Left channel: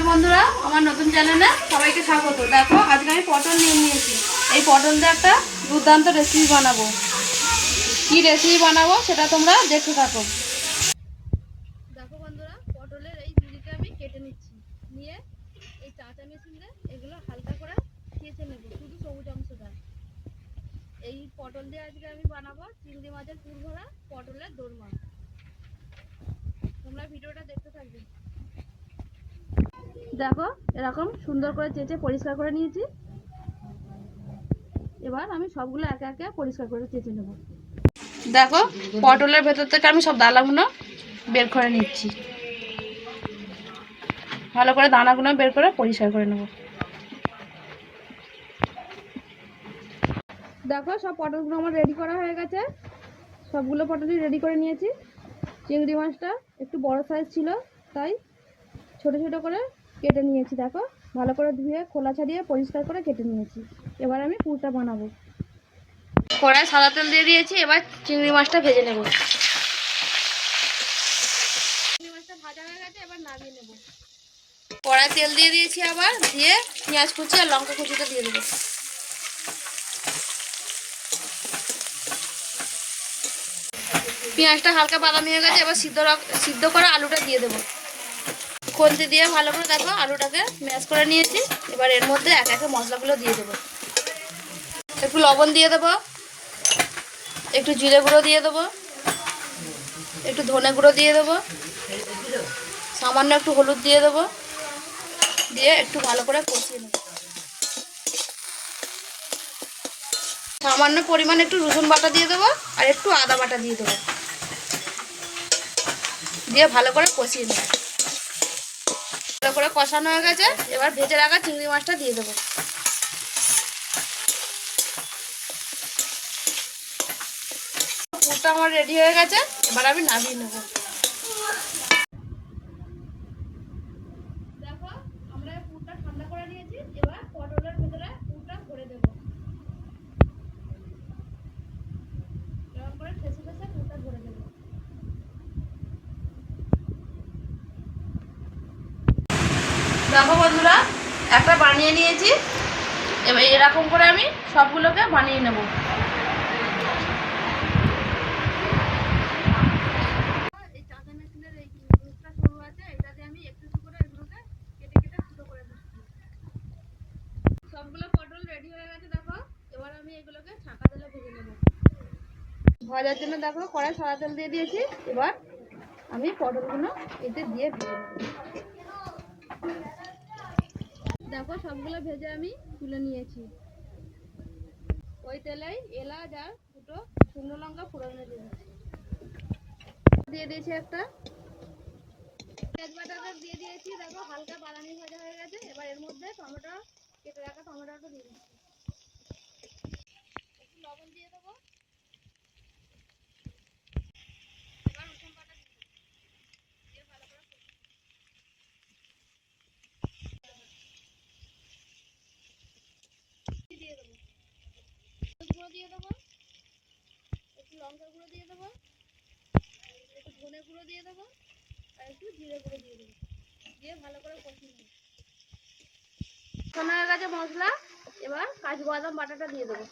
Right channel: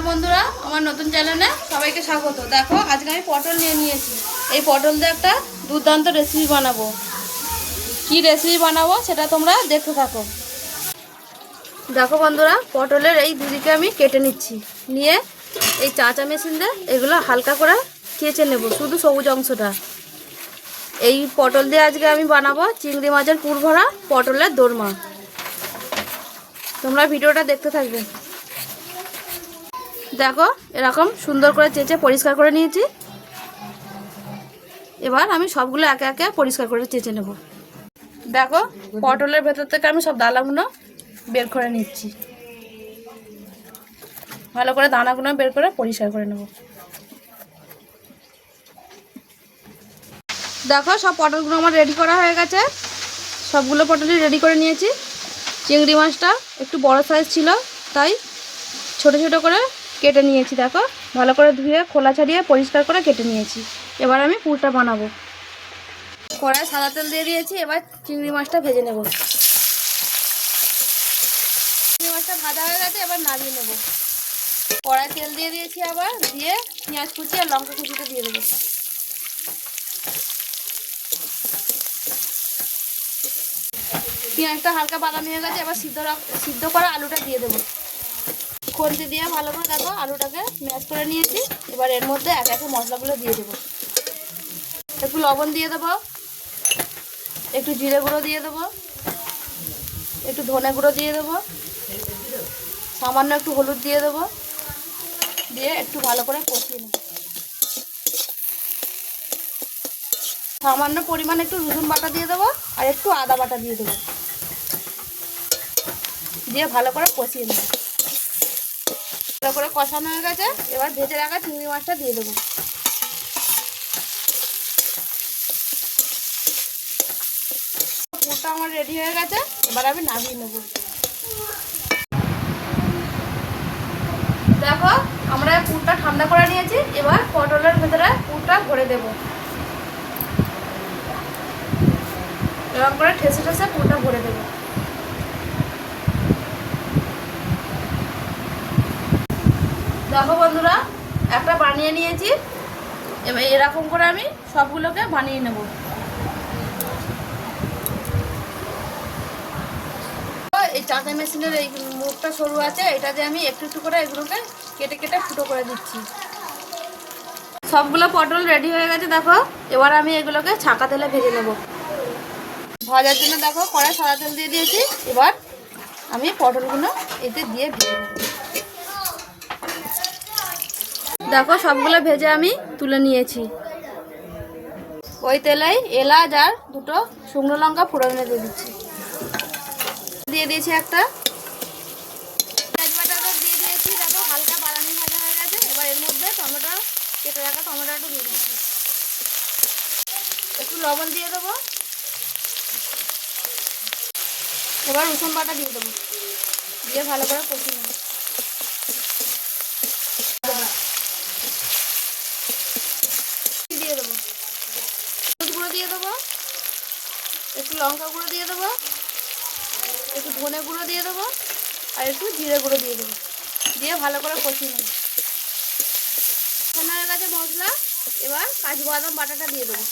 নমস্কার বন্ধুরা, আমার নতুন চ্যানেলে সবাইকে স্বাগত। দেখো, আজকে আমি পটল নিয়ে নিয়েছি। এই পটল দিয়ে একটা দুর্দান্ত রেসিপি বানাবো। কি রেসিপি বানাবো সেটা তোমরা দেখতে থাকো। দেখো বন্ধুরা, পটলের এই দুদিকে আমি কেটে নিচ্ছি। নিয়ে এই চাঁচা মেশিন দিয়ে এগুলো হালকা করে কেচে নেব, শুধু সবুজ অংশটা। এই পটল দিয়ে আজকে আমি বানাবো চিংড়ি মাছের পুর ভরা পটলের দোরমা। তোমরা ভিডিওটা দেখতে থাকবে। দেখো, এরকম সুন্দর করে চেঁচে পরিষ্কার করে নিয়েছি। এবার আমি সবগুলো একে একে পরিষ্কার করে চেঁচে নেব। দেখো, পটলের ভেতর থেকে আমি সব দানাগুলো বের করে নিচ্ছি। ভালো করে দানাগুলো বের করে পরিষ্কার করে নেব। দেখো, সব পটলগুলো আমার রেডি করা হয়ে গেছে। সবগুলো পটলই রেডি করে নিয়েছি। চিংড়ি মাছটা একটু বড় সাইজ ছিল, তাই ছোট ছোট করে কেটে নিয়েছি, দেখো। ভালো করে ধুয়ে, খোলা ছাড়িয়ে পরিষ্কার করে কেটে নিয়েছি। এবার আমি পুরটা বানাবো। কড়াই সাদা তেল দিয়ে দিয়েছি, এবার চিংড়ি মাছটা ভেজে নেব। চিংড়ি মাছটা ভাজা হয়ে গেছে, এবার নামিয়ে নেব। কড়াই তেল দিয়ে দিয়েছি আবার, দিয়ে পেঁয়াজ কুচি আর লঙ্কা কুচিটা দিয়ে দেবো। পেঁয়াজটা হালকা বাদামি হয়ে গেছে, এবার সিদ্ধ সিদ্ধ করা আলুটা দিয়ে দেবো। খুন্তি দিয়ে ভালো করে দেখো আলুটাকে ম্যাশ করে নিয়েছি। এবার এর মধ্যে এক একে মশলাগুলো দিয়ে দেবো। একটু লবণ দিয়ে দেবো। একটু জিরে গুঁড়ো দিয়ে দেবো। একটু ধনে গুঁড়ো দিয়ে দেবো। সামান্য একটু হলুদ দিয়ে দেবো। দিয়ে একটু ভালো করে কষিয়ে নেব। সামান্য পরিমাণ একটু রসুন বাটা দিয়ে দেবো আর একটু আদা বাটা দিয়ে দেবো। দিয়ে ভালো করে কষিয়ে নেব। ভালো করে কষানো হয়ে গেছে। এবার ভেজে রাখা চিংড়ি মাছটা দিয়ে দেবো। পুরটা আমার রেডি হয়ে গেছে। এবার আমি নামিয়ে নেব। দেখো, আমরা পুরটা ঠান্ডা করে নিয়েছি। এবার পটলের ভেতরে পুরটা ভরে দেব। এরকম করে ঠেসে ঠেসে পুরটা ভরে দেবো। দেখো বন্ধুরা, একটা বানিয়ে নিয়েছি। এবার এরকম করে আমি সবগুলোকে বানিয়ে নেব। এই চাঁদা মেশিনের এই মুখটা সরু আছে, এটা দিয়ে আমি একটু একটু করে এগুলোকে কেটে কেটে ফুটো করে দিচ্ছি। সবগুলো পটল রেডি হয়ে গেছে, দেখো। এবার আমি এগুলোকে ছাকা তেলে ভেজে নেব। ভাজার জন্য দেখো, কড়াই সাদা তেল দিয়ে দিয়েছি। এবার আমি পটলগুলো এতে দিয়ে ভেজে নেব দেখো, সবগুলো ভেজে আমি তুলে নিয়েছি। ওই তেলেই এলাচ আর দুটো শুকনো লঙ্কা ফোড়নে দিয়ে দিচ্ছি। দিয়ে দিয়েছি একটা। দিয়ে দিয়েছি, দেখো, হালকা ভাজা হয়ে গেছে। এবার এর মধ্যে টমেটো, কেটে রাখা দিয়ে একটু লবণ দিয়ে দেবো। এবার রসুন বাটা দিয়ে দেবো। দিয়ে ভালো করে কষিয়ে নেব দিয়ে দেবো হলুদ গুঁড়ো দিয়ে দেবো একটু লঙ্কা গুঁড়ো দিয়ে দেবো, একটু ধনে গুঁড়ো দিয়ে দেবো, আর একটু জিরে গুঁড়ো দিয়ে দেবো। দিয়ে ভালো করে কষিয়ে নেব। সোনার কাছে মশলা, এবার কাজু বাদাম বাটাটা দিয়ে দেবো।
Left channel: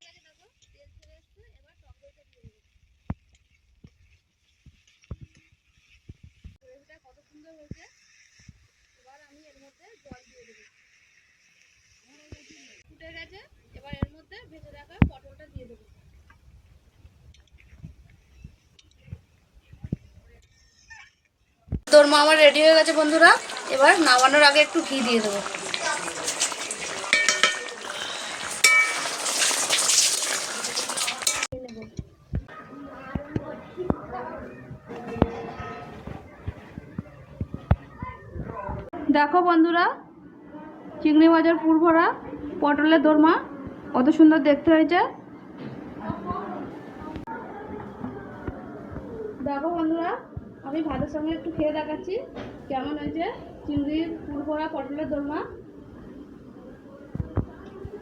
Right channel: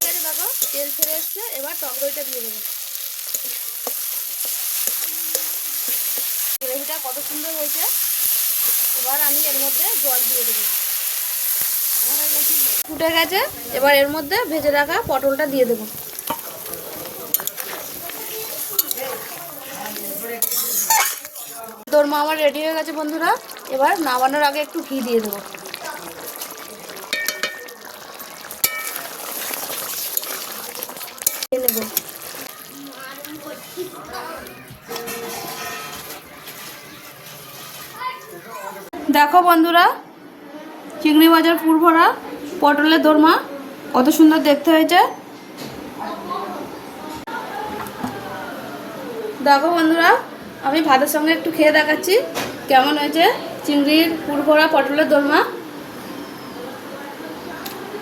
ঠিক আছে দেখো তেল ছেড়ে এসছে, এবার টক দইটা দিয়ে দেবো। গ্রেভিটা কত সুন্দর হয়েছে। এবার আমি এর মধ্যে জল দিয়ে দেবো। ফুটে গেছে, এবার এর মধ্যে ভেজে রাখা পটলটা দিয়ে দেবো। দোরমা আমার রেডি হয়ে গেছে বন্ধুরা, এবার নামানোর আগে একটু ঘি দিয়ে দেবো। দেখো বন্ধুরা চিংড়ি মাছের পুর ভরা, পটলের দোরমা, কত সুন্দর দেখতে হয়েছে। দেখো বন্ধুরা, আমি ভাতের সঙ্গে একটু খেয়ে দেখাচ্ছি, কেমন হয়েছে চিংড়ির পুর ভরা, পটলের দোরমা।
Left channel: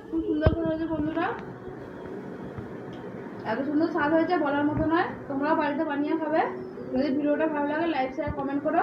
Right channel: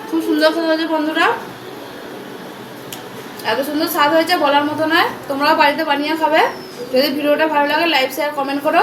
খুব সুন্দর খেতে হয়েছে বন্ধুরা। এত সুন্দর স্বাদ হয়েছে বলার মতো নয়, তোমরাও বাড়িতে বানিয়ে খাবে। যদি ভিডিওটা ভালো লাগে লাইক শেয়ার কমেন্ট করো।